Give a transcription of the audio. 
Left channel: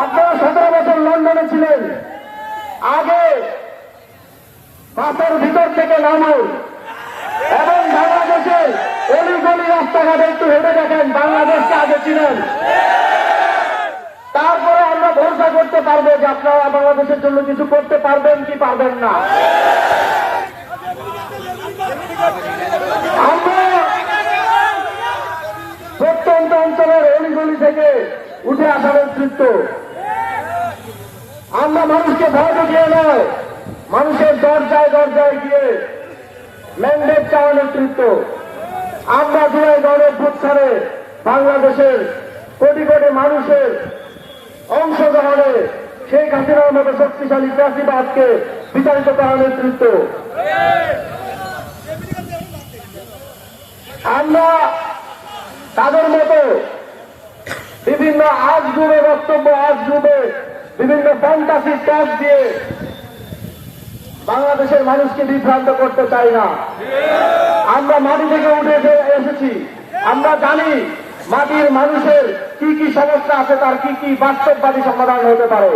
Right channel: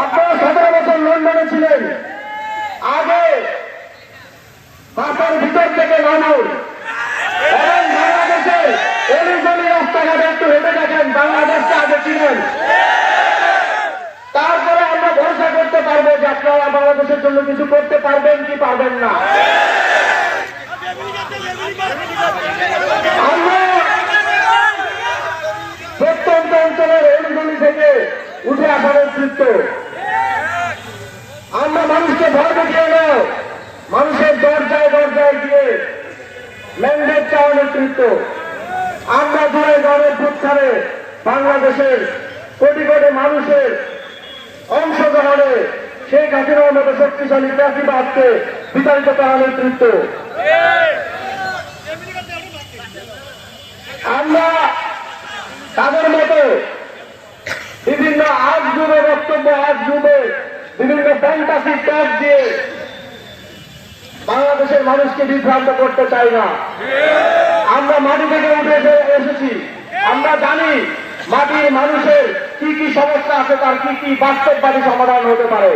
আপনারা 17 বছর লন্ডনে ছিলেন, আগে মাথার ভিতর থেকে নামুন এবং বাংলাদেশের অলিগলি রাস্তাঘাটে একটু হেঁটে দেখেন বাংলাদেশকে আগে ছিলেন। তারপরে আমরা ভরসা করতে পারবো যে আপনারা বাংলাদেশের জন্য কিছু করতে পারবেন কি পারবেন না। আমরা প্রত্যন্ত অঞ্চলের অলিগলি থেকে উঠে আসা নেতৃত্ব, আমরা মানুষকে ভয় দেখিয়ে নয়, মানুষের দরজায় দরজায় গিয়ে ম্যান্ডেট চাওয়া নেতৃত্ব। আমরা জুলাই গণঅভ্যুত্থানে বাংলাদেশের কোটি কোটি মানুষের অংশগ্রহণে শেখ হাসিনার মতো শক্তিশালী ফ্যাসিবাদকে বিতাড়িত করা নেতৃত্ব। আমরা তাদের মতো বিভিন্ন আজগুবে বক্তব্য, আজগুবে বিভিন্ন ফ্যান্টাসি টক দিয়ে বাংলাদেশের মানুষকে বিভ্রান্ত করতে চাই না। আমরা মাটি থেকে উঠে এসেছি, আমরা জানি মাটির মানুষের কি কি সমস্যা আছে, তার কি কি বাস্তববাদী সমাধান হতে পারে।